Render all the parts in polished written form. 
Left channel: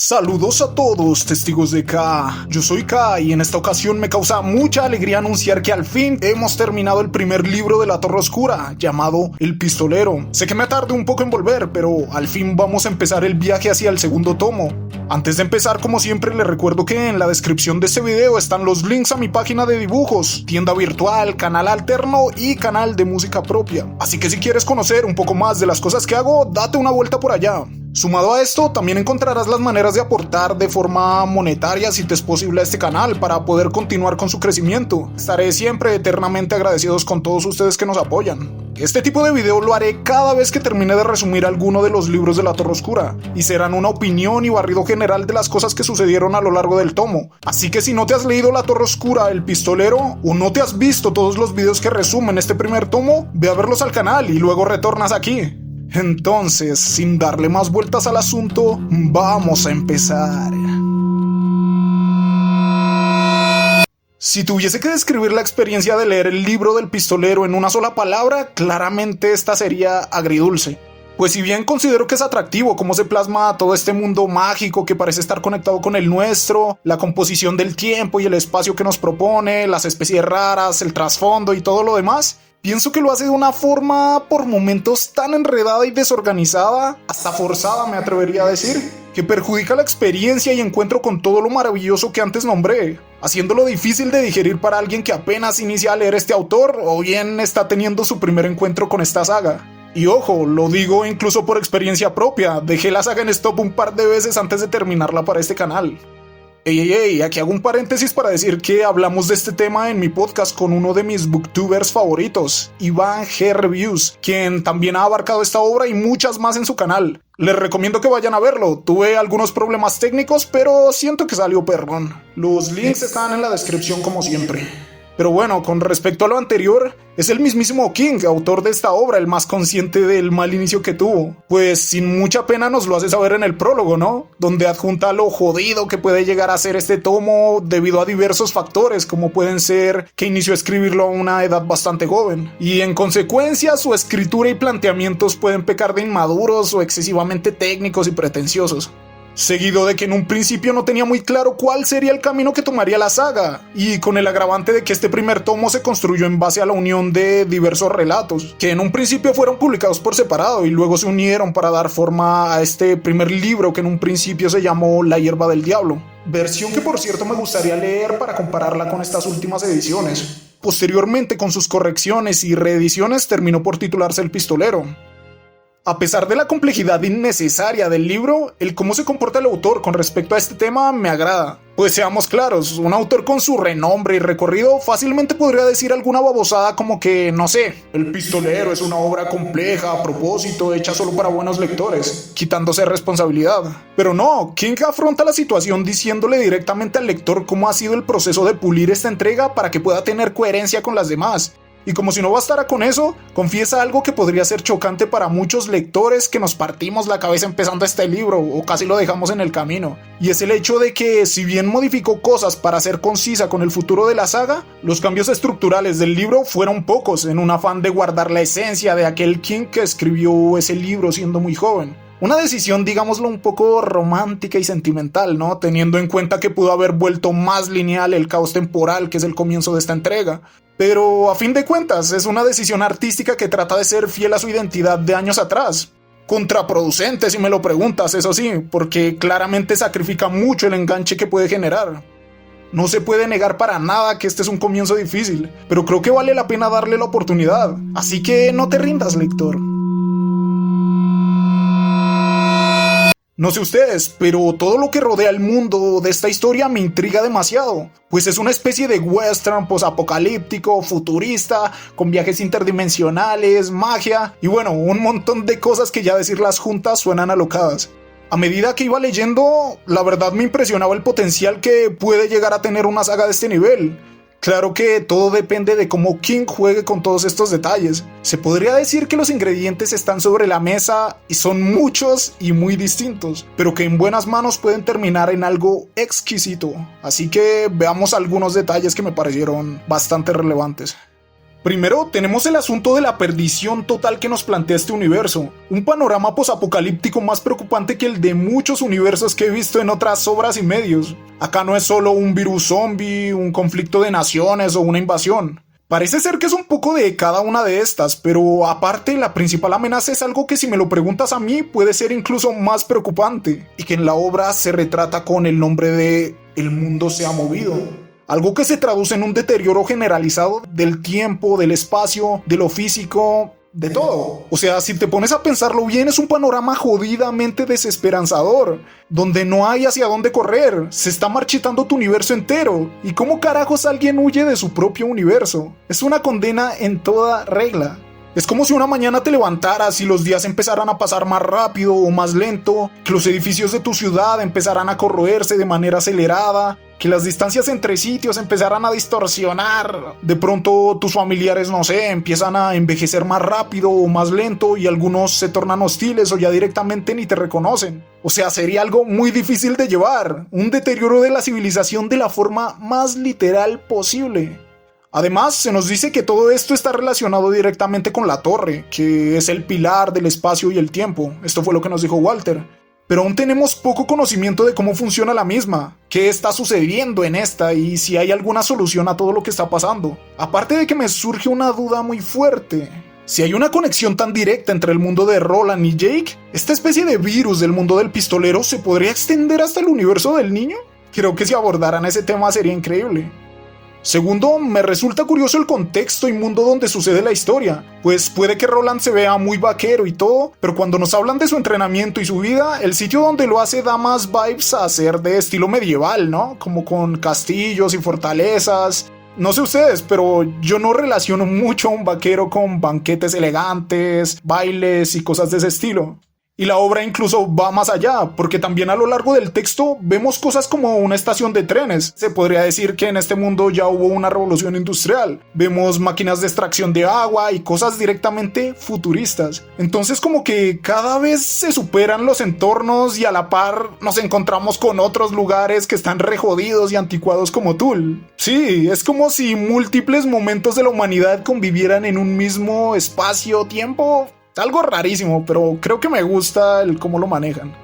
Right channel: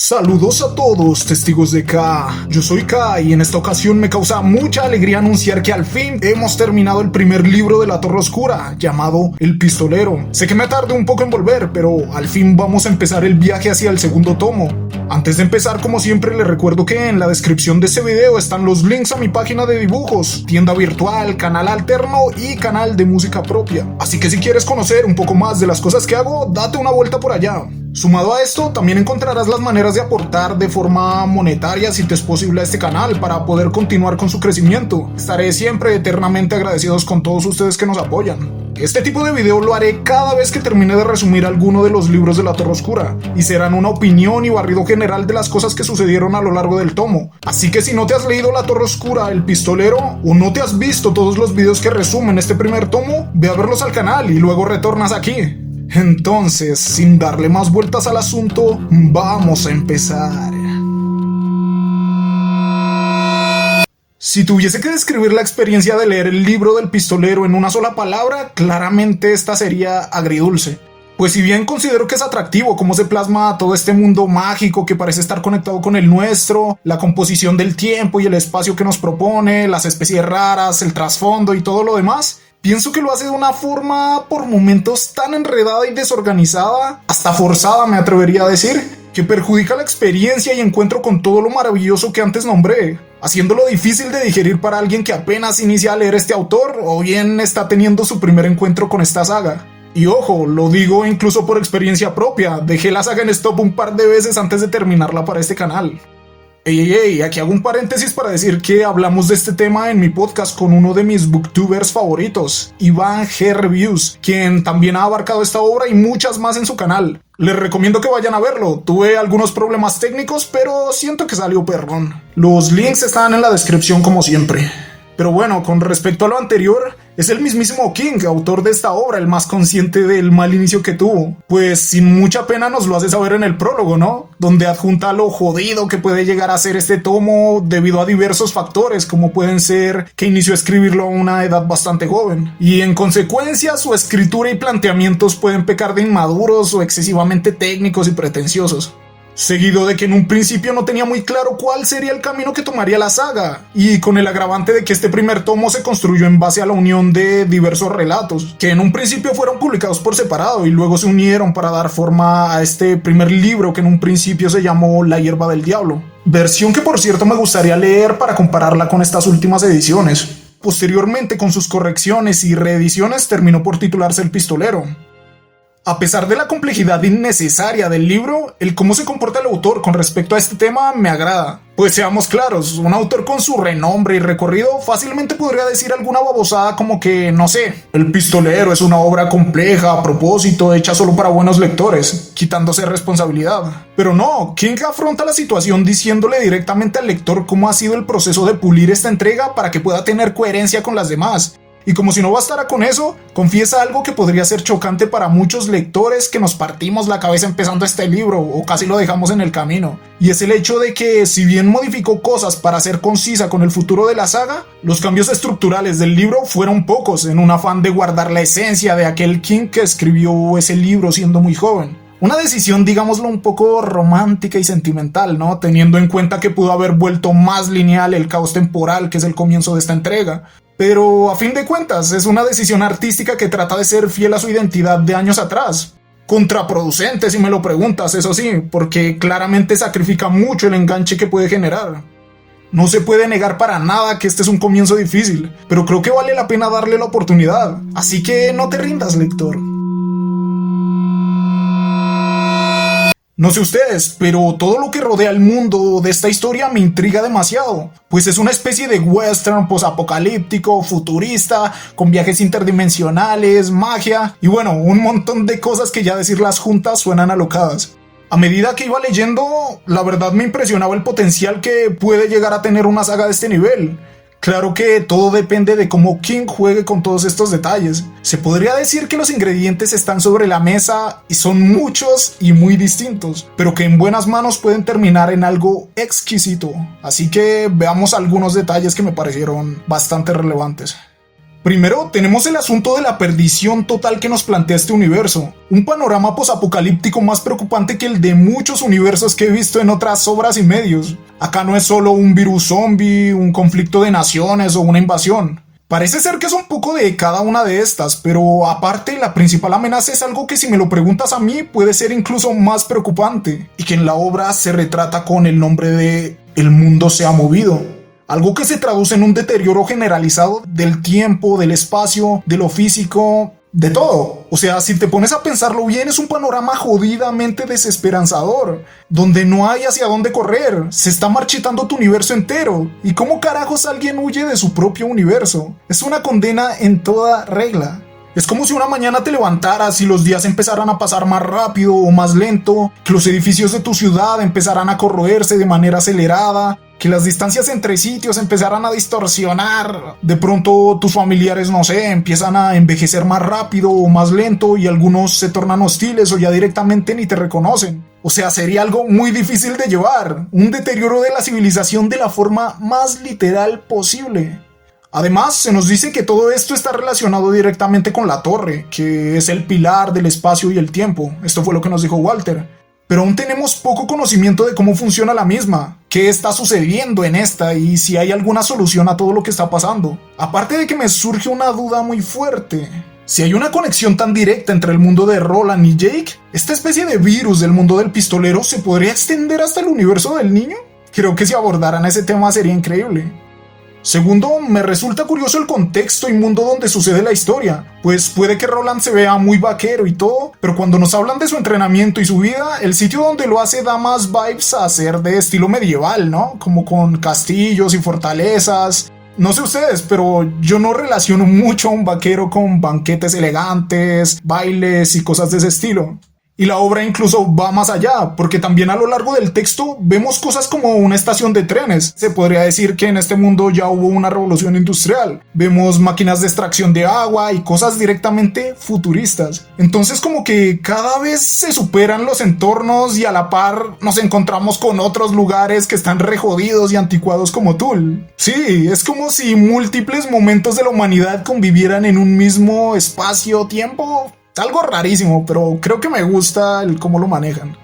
Saludos a todos, testigos de K. Yo soy K y en esta ocasión me causa mucha alegría anunciar que al fin hemos terminado el primer libro de la Torre Oscura, llamado El Pistolero. Sé que me tardé un poco en volver, pero al fin vamos a empezar el viaje hacia el segundo tomo. Antes de empezar, como siempre, les recuerdo que en la descripción de este video están los links a mi página de dibujos, tienda virtual, canal alterno y canal de música propia. Así que si quieres conocer un poco más de las cosas que hago, date una vuelta por allá. Sumado a esto, también encontrarás las maneras de aportar de forma monetaria si te es posible a este canal para poder continuar con su crecimiento. Estaré siempre eternamente agradecidos con todos ustedes que nos apoyan. Este tipo de video lo haré cada vez que termine de resumir alguno de los libros de la Torre Oscura y serán una opinión y barrido general de las cosas que sucedieron a lo largo del tomo. Así que si no te has leído La Torre Oscura, El Pistolero o no te has visto todos los videos que resumen este primer tomo, ve a verlos al canal y luego retornas aquí. Entonces, sin darle más vueltas al asunto, vamos a empezar. Si tuviese que describir la experiencia de leer el libro del Pistolero en una sola palabra, claramente esta sería agridulce. Pues si bien considero que es atractivo cómo se plasma todo este mundo mágico que parece estar conectado con el nuestro, la composición del tiempo y el espacio que nos propone, las especies raras, el trasfondo y todo lo demás, pienso que lo hace de una forma por momentos tan enredada y desorganizada, hasta forzada me atrevería a decir, que perjudica la experiencia y encuentro con todo lo maravilloso que antes nombré, haciéndolo difícil de digerir para alguien que apenas inicia a leer este autor o bien está teniendo su primer encuentro con esta saga. Y ojo, lo digo incluso por experiencia propia, dejé la saga en stop un par de veces antes de terminarla para este canal. Ey, aquí hago un paréntesis para decir que hablamos de este tema en mi podcast con uno de mis booktubers favoritos, Iván G. Reviews, quien también ha abarcado esta obra y muchas más en su canal. Les recomiendo que vayan a verlo, tuve algunos problemas técnicos, pero siento que salió perrón. Los links están en la descripción como siempre. Pero bueno, con respecto a lo anterior, es el mismísimo King, autor de esta obra, el más consciente del mal inicio que tuvo. Pues sin mucha pena nos lo hace saber en el prólogo, ¿no? Donde adjunta lo jodido que puede llegar a ser este tomo debido a diversos factores, como pueden ser que inició a escribirlo a una edad bastante joven. Y en consecuencia, su escritura y planteamientos pueden pecar de inmaduros o excesivamente técnicos y pretenciosos. Seguido de que en un principio no tenía muy claro cuál sería el camino que tomaría la saga, y con el agravante de que este primer tomo se construyó en base a la unión de diversos relatos, que en un principio fueron publicados por separado y luego se unieron para dar forma a este primer libro que en un principio se llamó La Hierba del Diablo, versión que por cierto me gustaría leer para compararla con estas últimas ediciones. Posteriormente, con sus correcciones y reediciones, terminó por titularse El Pistolero. A pesar de la complejidad innecesaria del libro, el cómo se comporta el autor con respecto a este tema me agrada. Pues seamos claros, un autor con su renombre y recorrido fácilmente podría decir alguna babosada como que, no sé, El Pistolero es una obra compleja, a propósito, hecha solo para buenos lectores, quitándose responsabilidad. Pero no, King afronta la situación diciéndole directamente al lector cómo ha sido el proceso de pulir esta entrega para que pueda tener coherencia con las demás. Y como si no bastara con eso, confiesa algo que podría ser chocante para muchos lectores que nos partimos la cabeza empezando este libro o casi lo dejamos en el camino. Y es el hecho de que, si bien modificó cosas para ser concisa con el futuro de la saga, los cambios estructurales del libro fueron pocos en un afán de guardar la esencia de aquel King que escribió ese libro siendo muy joven. Una decisión, digámoslo, un poco romántica y sentimental, ¿no? Teniendo en cuenta que pudo haber vuelto más lineal el caos temporal que es el comienzo de esta entrega. Pero a fin de cuentas es una decisión artística que trata de ser fiel a su identidad de años atrás. Contraproducente si me lo preguntas, eso sí, porque claramente sacrifica mucho el enganche que puede generar. No se puede negar para nada que este es un comienzo difícil, pero creo que vale la pena darle la oportunidad. Así que no te rindas, lector. No sé ustedes, pero todo lo que rodea el mundo de esta historia me intriga demasiado, pues es una especie de western posapocalíptico, futurista, con viajes interdimensionales, magia y bueno, un montón de cosas que ya decirlas juntas suenan alocadas. A medida que iba leyendo, la verdad me impresionaba el potencial que puede llegar a tener una saga de este nivel. Claro que todo depende de cómo King juegue con todos estos detalles. Se podría decir que los ingredientes están sobre la mesa y son muchos y muy distintos, pero que en buenas manos pueden terminar en algo exquisito. Así que veamos algunos detalles que me parecieron bastante relevantes. Primero, tenemos el asunto de la perdición total que nos plantea este universo. Un panorama posapocalíptico más preocupante que el de muchos universos que he visto en otras obras y medios. Acá no es solo un virus zombie, un conflicto de naciones o una invasión. Parece ser que es un poco de cada una de estas, pero aparte la principal amenaza es algo que, si me lo preguntas a mí, puede ser incluso más preocupante, y que en la obra se retrata con el nombre de "el mundo se ha movido". Algo que se traduce en un deterioro generalizado del tiempo, del espacio, de lo físico, de todo. O sea, si te pones a pensarlo bien, es un panorama jodidamente desesperanzador, donde no hay hacia dónde correr, se está marchitando tu universo entero. ¿Y cómo carajos alguien huye de su propio universo? Es una condena en toda regla. Es como si una mañana te levantaras y los días empezaran a pasar más rápido o más lento, que los edificios de tu ciudad empezaran a corroerse de manera acelerada, que las distancias entre sitios empezaran a distorsionar. De pronto tus familiares, no sé, empiezan a envejecer más rápido o más lento, y algunos se tornan hostiles o ya directamente ni te reconocen. O sea, sería algo muy difícil de llevar, un deterioro de la civilización de la forma más literal posible. Además, se nos dice que todo esto está relacionado directamente con la torre, que es el pilar del espacio y el tiempo. Esto fue lo que nos dijo Walter. Pero aún tenemos poco conocimiento de cómo funciona la misma, qué está sucediendo en esta y si hay alguna solución a todo lo que está pasando. Aparte de que me surge una duda muy fuerte. Si hay una conexión tan directa entre el mundo de Roland y Jake, ¿esta especie de virus del mundo del pistolero se podría extender hasta el universo del niño? Creo que si abordaran ese tema sería increíble. Segundo, me resulta curioso el contexto y mundo donde sucede la historia, pues puede que Roland se vea muy vaquero y todo, pero cuando nos hablan de su entrenamiento y su vida, el sitio donde lo hace da más vibes a ser de estilo medieval, ¿no? Como con castillos y fortalezas. No sé ustedes, pero yo no relaciono mucho a un vaquero con banquetes elegantes, bailes y cosas de ese estilo. Y la obra incluso va más allá, porque también a lo largo del texto vemos cosas como una estación de trenes. Se podría decir que en este mundo ya hubo una revolución industrial. Vemos máquinas de extracción de agua y cosas directamente futuristas. Entonces, como que cada vez se superan los entornos y a la par nos encontramos con otros lugares que están re jodidos y anticuados como Tool. Sí, es como si múltiples momentos de la humanidad convivieran en un mismo espacio-tiempo. Algo rarísimo, pero creo que me gusta el cómo lo manejan.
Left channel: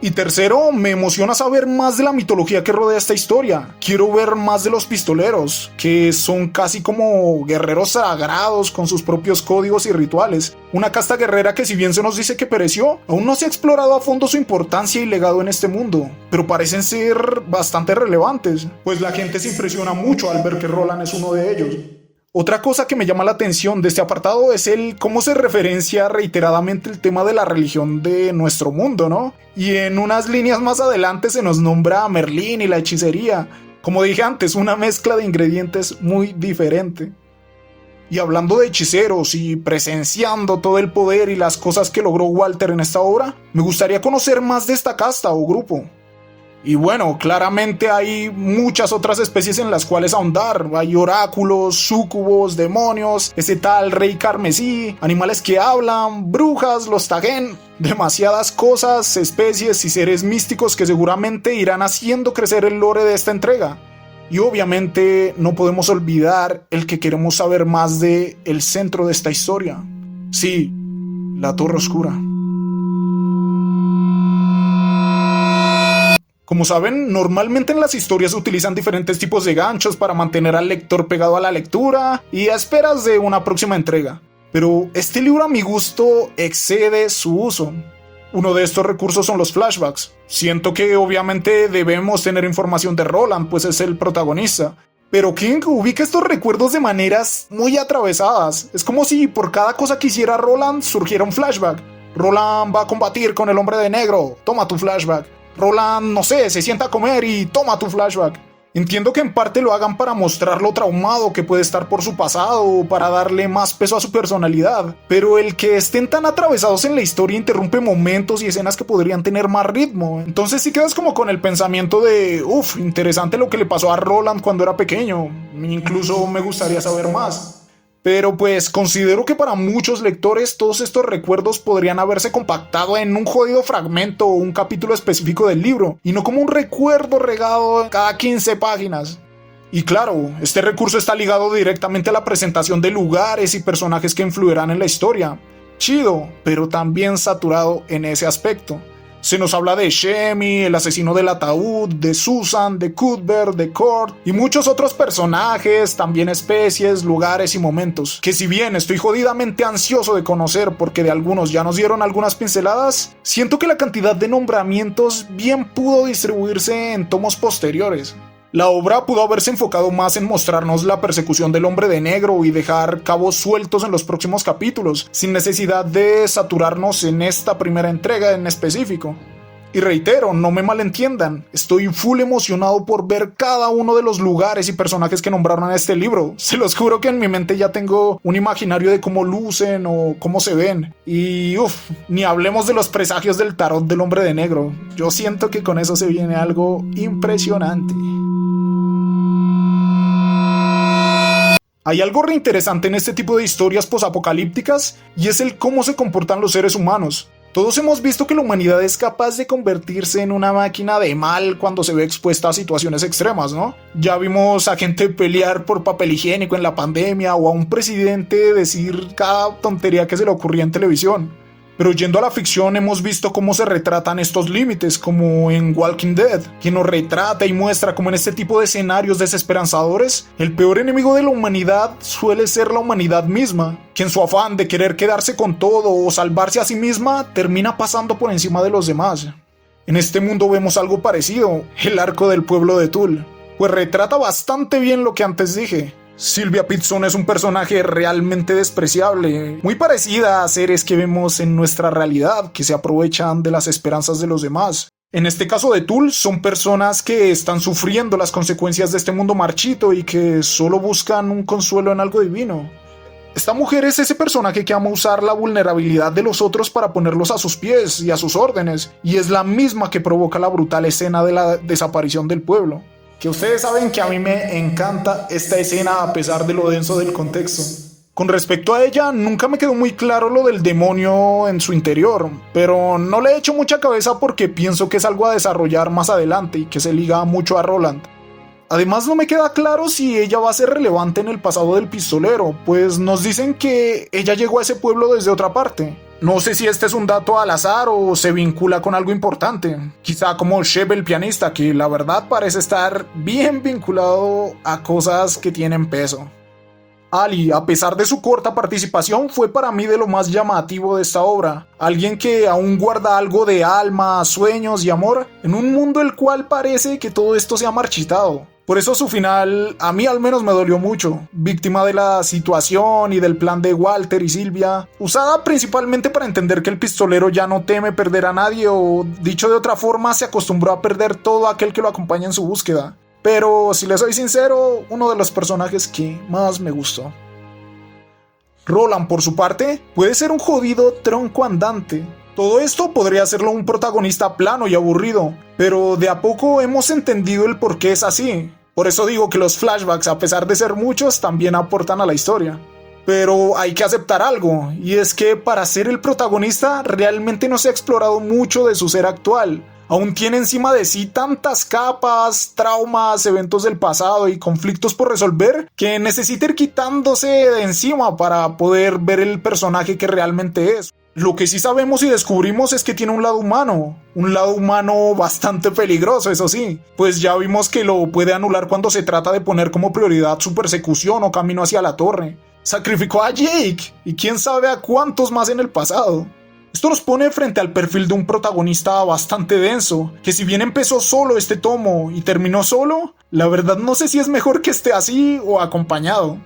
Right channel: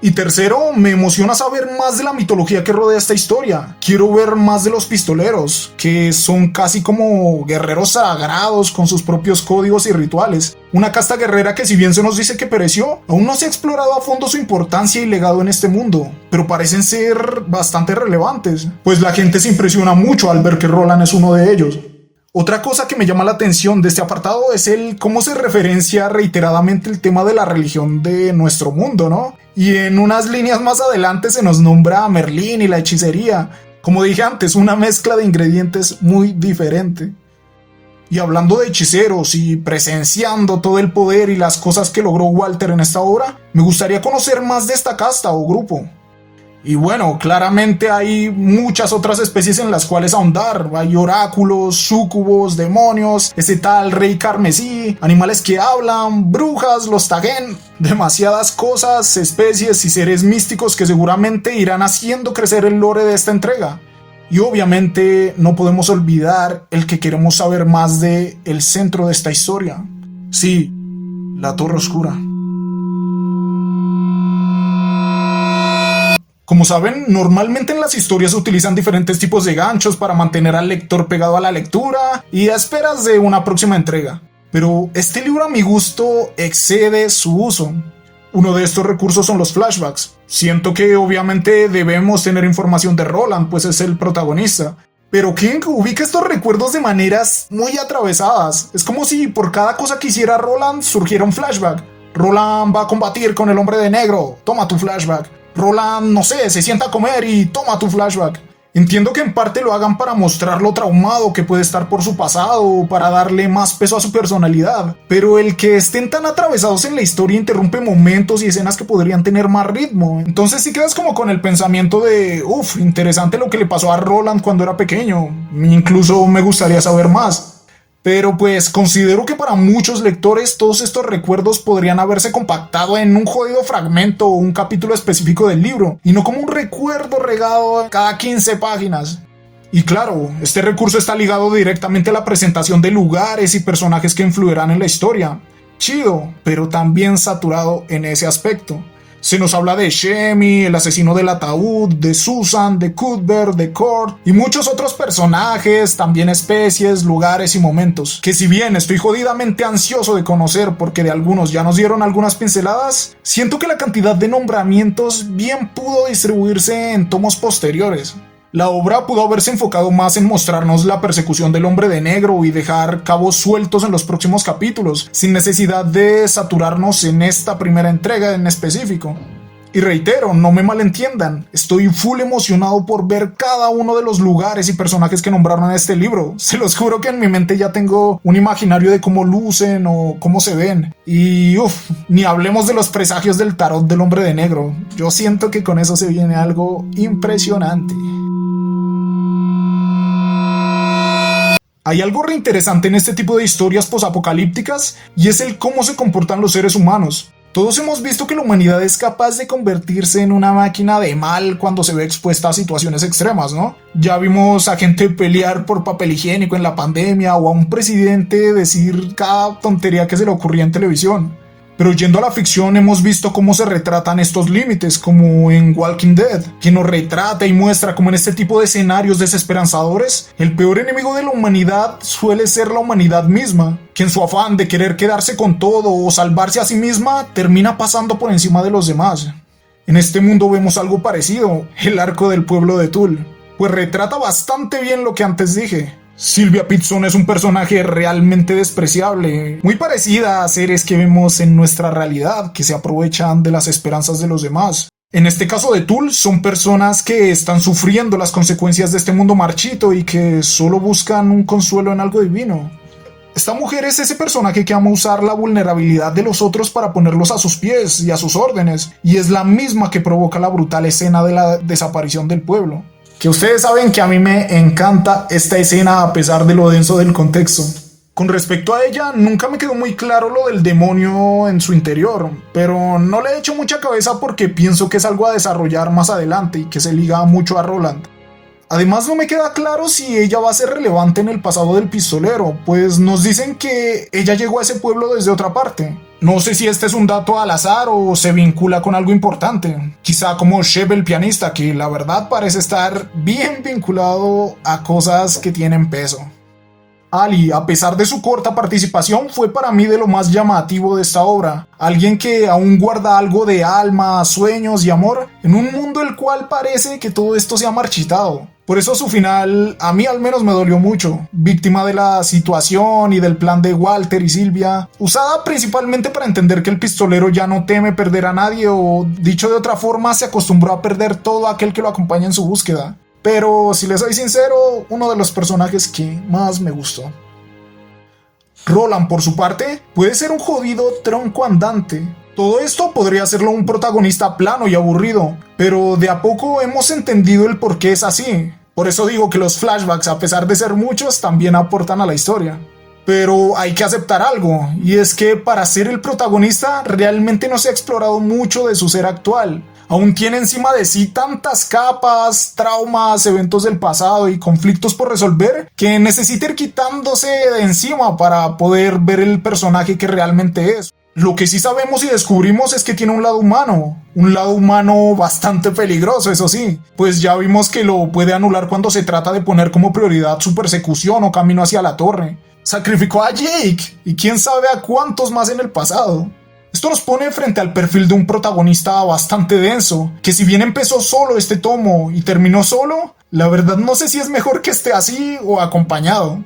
Y tercero, me emociona saber más de la mitología que rodea esta historia. Quiero ver más de los pistoleros, que son casi como guerreros sagrados con sus propios códigos y rituales. Una casta guerrera que, si bien se nos dice que pereció, aún no se ha explorado a fondo su importancia y legado en este mundo, pero parecen ser bastante relevantes, pues la gente se impresiona mucho al ver que Roland es uno de ellos. Otra cosa que me llama la atención de este apartado es el cómo se referencia reiteradamente el tema de la religión de nuestro mundo, ¿no? Y en unas líneas más adelante se nos nombra a Merlín y la hechicería. Como dije antes, una mezcla de ingredientes muy diferente. Y hablando de hechiceros y presenciando todo el poder y las cosas que logró Walter en esta obra, me gustaría conocer más de esta casta o grupo. Y bueno, claramente hay muchas otras especies en las cuales ahondar. Hay oráculos, súcubos, demonios, ese tal rey carmesí, animales que hablan, brujas, los Tagen, demasiadas cosas, especies y seres místicos que seguramente irán haciendo crecer el lore de esta entrega. Y obviamente no podemos olvidar el que queremos saber más de el centro de esta historia. Sí, la Torre Oscura. Como saben, normalmente en las historias se utilizan diferentes tipos de ganchos para mantener al lector pegado a la lectura y a esperas de una próxima entrega. Pero este libro, a mi gusto, excede su uso. Uno de estos recursos son los flashbacks. Siento que obviamente debemos tener información de Roland, pues es el protagonista. Pero King ubica estos recuerdos de maneras muy atravesadas. Es como si por cada cosa que hiciera Roland surgiera un flashback. Roland va a combatir con el hombre de negro, toma tu flashback. Roland, no sé, se sienta a comer y toma tu flashback. Entiendo que en parte lo hagan para mostrar lo traumado que puede estar por su pasado o para darle más peso a su personalidad, pero el que estén tan atravesados en la historia interrumpe momentos y escenas que podrían tener más ritmo. Entonces sí quedas como con el pensamiento de interesante lo que le pasó a Roland cuando era pequeño. Incluso me gustaría saber más. Pero pues considero que para muchos lectores todos estos recuerdos podrían haberse compactado en un jodido fragmento o un capítulo específico del libro, y no como un recuerdo regado cada 15 páginas. Y claro, este recurso está ligado directamente a la presentación de lugares y personajes que influirán en la historia. Chido, pero también saturado en ese aspecto. Se nos habla de Shemi, el asesino del ataúd, de Susan, de Cuthbert, de Kurt y muchos otros personajes, también especies, lugares y momentos, que si bien estoy jodidamente ansioso de conocer porque de algunos ya nos dieron algunas pinceladas, siento que la cantidad de nombramientos bien pudo distribuirse en tomos posteriores. La obra pudo haberse enfocado más en mostrarnos la persecución del hombre de negro y dejar cabos sueltos en los próximos capítulos, sin necesidad de saturarnos en esta primera entrega en específico. Y reitero, no me malentiendan, estoy full emocionado por ver cada uno de los lugares y personajes que nombraron en este libro. Se los juro que en mi mente ya tengo un imaginario de cómo lucen o cómo se ven. Y ni hablemos de los presagios del tarot del hombre de negro. Yo siento que con eso se viene algo impresionante. Hay algo reinteresante en este tipo de historias posapocalípticas y es el cómo se comportan los seres humanos. Todos hemos visto que la humanidad es capaz de convertirse en una máquina de mal cuando se ve expuesta a situaciones extremas, ¿no? Ya vimos a gente pelear por papel higiénico en la pandemia o a un presidente decir cada tontería que se le ocurría en televisión. Pero yendo a la ficción hemos visto cómo se retratan estos límites, como en Walking Dead, que nos retrata y muestra cómo en este tipo de escenarios desesperanzadores, el peor enemigo de la humanidad suele ser la humanidad misma, que en su afán de querer quedarse con todo o salvarse a sí misma, termina pasando por encima de los demás. En este mundo vemos algo parecido, el arco del pueblo de Tull, pues retrata bastante bien lo que antes dije. Sylvia Pitson es un personaje realmente despreciable, muy parecida a seres que vemos en nuestra realidad, que se aprovechan de las esperanzas de los demás. En este caso de Tull, son personas que están sufriendo las consecuencias de este mundo marchito y que solo buscan un consuelo en algo divino. Esta mujer es ese personaje que ama usar la vulnerabilidad de los otros para ponerlos a sus pies y a sus órdenes, y es la misma que provoca la brutal escena de la desaparición del pueblo. Que ustedes saben que a mí me encanta esta escena a pesar de lo denso del contexto. Con respecto a ella, nunca me quedó muy claro lo del demonio en su interior, pero no le he hecho mucha cabeza porque pienso que es algo a desarrollar más adelante y que se liga mucho a Roland. Además no me queda claro si ella va a ser relevante en el pasado del pistolero, pues nos dicen que ella llegó a ese pueblo desde otra parte. No sé si este es un dato al azar o se vincula con algo importante. Quizá como Shep el pianista, que la verdad parece estar bien vinculado a cosas que tienen peso. Ali, a pesar de su corta participación, fue para mí de lo más llamativo de esta obra. Alguien que aún guarda algo de alma, sueños y amor en un mundo el cual parece que todo esto se ha marchitado. Por eso su final a mí al menos me dolió mucho, víctima de la situación y del plan de Walter y Sylvia, usada principalmente para entender que el pistolero ya no teme perder a nadie o, dicho de otra forma, se acostumbró a perder todo aquel que lo acompaña en su búsqueda. Pero, si les soy sincero, uno de los personajes que más me gustó. Roland, por su parte, puede ser un jodido tronco andante. Todo esto podría hacerlo un protagonista plano y aburrido, pero de a poco hemos entendido el por qué es así. Por eso digo que los flashbacks, a pesar de ser muchos, también aportan a la historia. Pero hay que aceptar algo, y es que para ser el protagonista realmente no se ha explorado mucho de su ser actual. Aún tiene encima de sí tantas capas, traumas, eventos del pasado y conflictos por resolver que necesita ir quitándose de encima para poder ver el personaje que realmente es. Lo que sí sabemos y descubrimos es que tiene un lado humano bastante peligroso, eso sí, pues ya vimos que lo puede anular cuando se trata de poner como prioridad su persecución o camino hacia la torre. Sacrificó a Jake y quién sabe a cuántos más en el pasado. Esto nos pone frente al perfil de un protagonista bastante denso, que si bien empezó solo este tomo y terminó solo, la verdad no sé si es mejor que esté así o acompañado.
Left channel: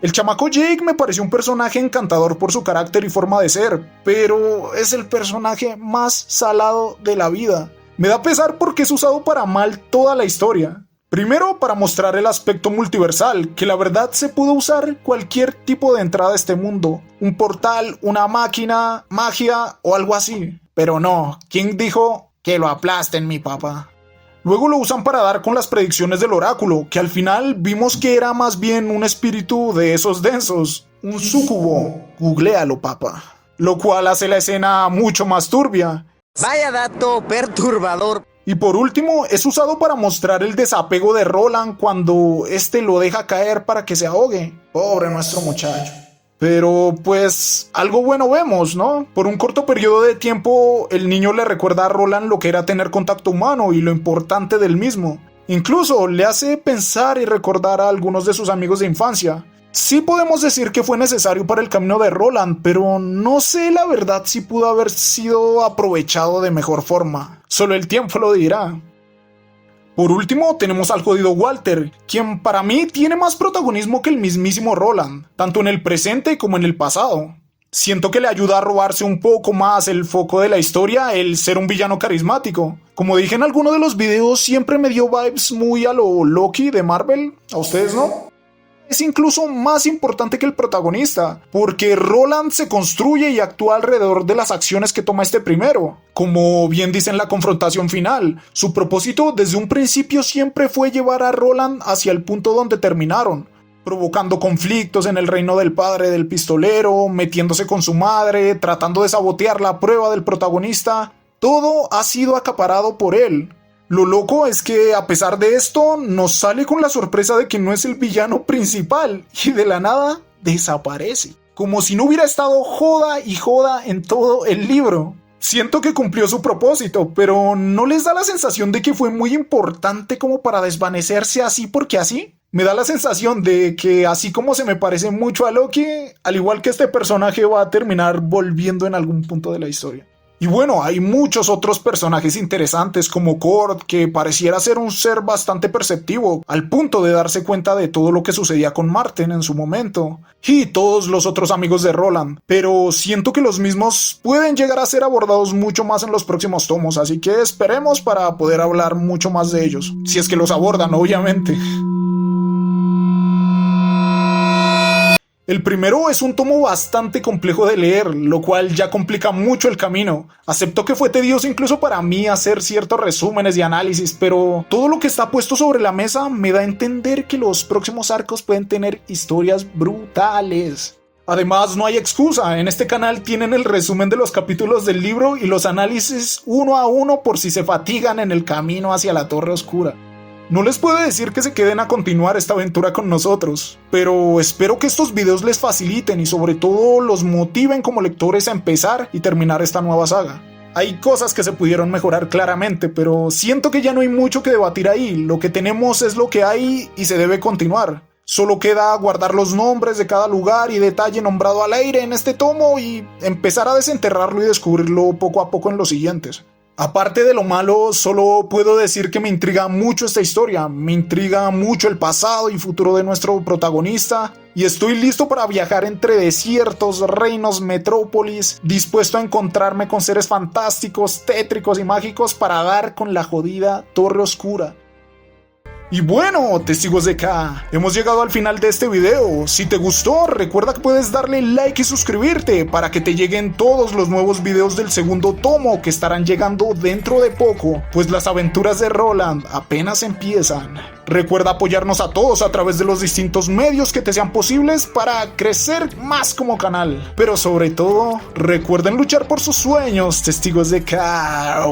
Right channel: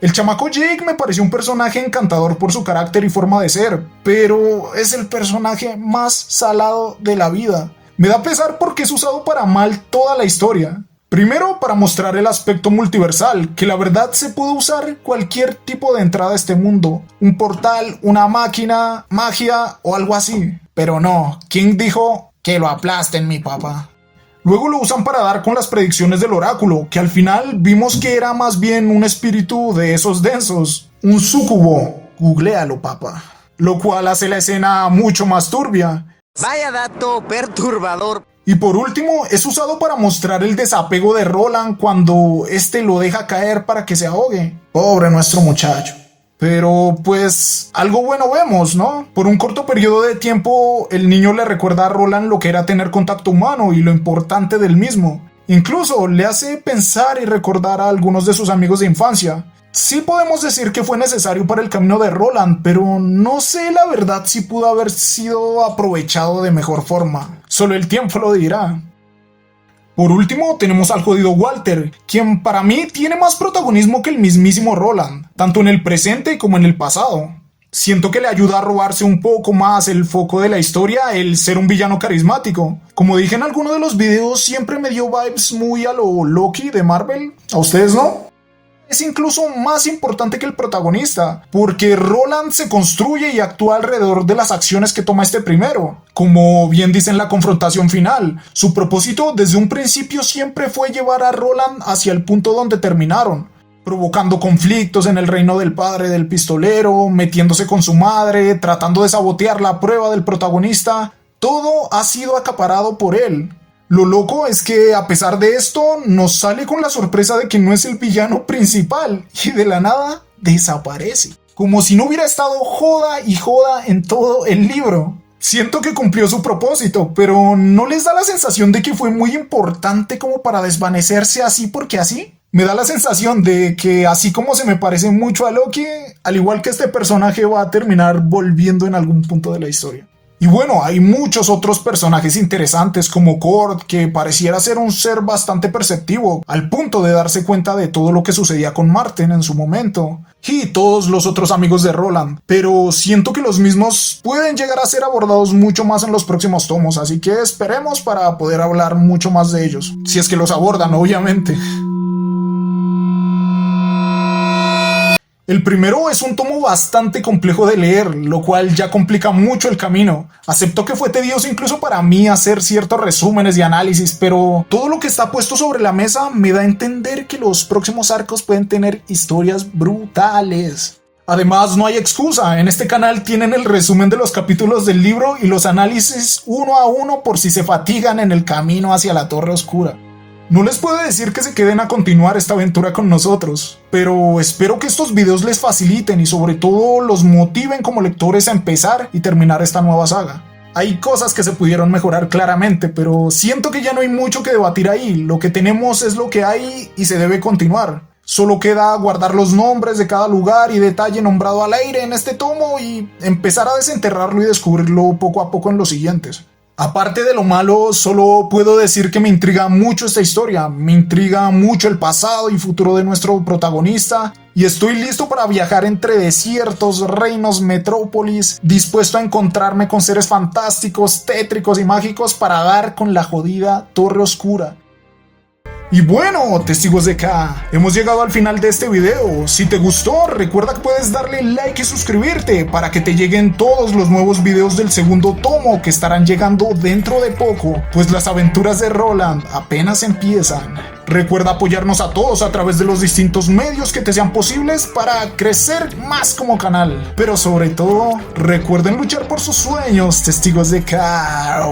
El chamaco Jake me pareció un personaje encantador por su carácter y forma de ser, pero es el personaje más salado de la vida. Me da pesar porque es usado para mal toda la historia. Primero, para mostrar el aspecto multiversal, que la verdad se puede usar cualquier tipo de entrada a este mundo. Un portal, una máquina, magia o algo así. Pero no, ¿quién dijo que lo aplasten, mi papá? Luego lo usan para dar con las predicciones del oráculo, que al final vimos que era más bien un espíritu de esos densos. Un súcubo, googléalo, papá. Lo cual hace la escena mucho más turbia. Vaya dato perturbador. Y por último, es usado para mostrar el desapego de Roland cuando este lo deja caer para que se ahogue. Pobre nuestro muchacho. Pero pues algo bueno vemos, ¿no? Por un corto periodo de tiempo el niño le recuerda a Roland lo que era tener contacto humano y lo importante del mismo. Incluso le hace pensar y recordar a algunos de sus amigos de infancia. Sí podemos decir que fue necesario para el camino de Roland, pero no sé la verdad si pudo haber sido aprovechado de mejor forma. Solo el tiempo lo dirá. Por último, tenemos al jodido Walter, quien para mí tiene más protagonismo que el mismísimo Roland, tanto en el presente como en el pasado. Siento que le ayuda a robarse un poco más el foco de la historia el ser un villano carismático. Como dije en alguno de los videos, siempre me dio vibes muy a lo Loki de Marvel. ¿A ustedes no? Es incluso más importante que el protagonista, porque Roland se construye y actúa alrededor de las acciones que toma este primero. Como bien dice en la confrontación final, su propósito desde un principio siempre fue llevar a Roland hacia el punto donde terminaron, provocando conflictos en el reino del padre del pistolero, metiéndose con su madre, tratando de sabotear la prueba del protagonista. Todo ha sido acaparado por él. Lo loco es que a pesar de esto nos sale con la sorpresa de que no es el villano principal y de la nada desaparece. Como si no hubiera estado joda y joda en todo el libro. Siento que cumplió su propósito, pero ¿no les da la sensación de que fue muy importante como para desvanecerse así porque así? Me da la sensación de que así como se me parece mucho a Loki, al igual que este personaje va a terminar volviendo en algún punto de la historia. Y bueno, hay muchos otros personajes interesantes como Cord, que pareciera ser un ser bastante perceptivo, al punto de darse cuenta de todo lo que sucedía con Martin en su momento, y todos los otros amigos de Roland, pero siento que los mismos pueden llegar a ser abordados mucho más en los próximos tomos, así que esperemos para poder hablar mucho más de ellos, si es que los abordan, obviamente. El primero es un tomo bastante complejo de leer, lo cual ya complica mucho el camino. Acepto que fue tedioso incluso para mí hacer ciertos resúmenes y análisis, pero todo lo que está puesto sobre la mesa me da a entender que los próximos arcos pueden tener historias brutales. Además, no hay excusa, en este canal tienen el resumen de los capítulos del libro y los análisis uno a uno por si se fatigan en el camino hacia la Torre Oscura. No les puedo decir que se queden a continuar esta aventura con nosotros, pero espero que estos videos les faciliten y sobre todo los motiven como lectores a empezar y terminar esta nueva saga. Hay cosas que se pudieron mejorar claramente, pero siento que ya no hay mucho que debatir ahí, lo que tenemos es lo que hay y se debe continuar. Solo queda guardar los nombres de cada lugar y detalle nombrado al aire en este tomo y empezar a desenterrarlo y descubrirlo poco a poco en los siguientes. Aparte de lo malo, solo puedo decir que me intriga mucho esta historia, me intriga mucho el pasado y futuro de nuestro protagonista, y estoy listo para viajar entre desiertos, reinos, metrópolis, dispuesto a encontrarme con seres fantásticos, tétricos y mágicos para dar con la jodida Torre Oscura. Y bueno, testigos de K, hemos llegado al final de este video. Si te gustó, recuerda que puedes darle like y suscribirte para que te lleguen todos los nuevos videos del segundo tomo que estarán llegando dentro de poco, pues las aventuras de Roland apenas empiezan. Recuerda apoyarnos a todos a través de los distintos medios que te sean posibles para crecer más como canal. Pero sobre todo, recuerden luchar por sus sueños, testigos de K.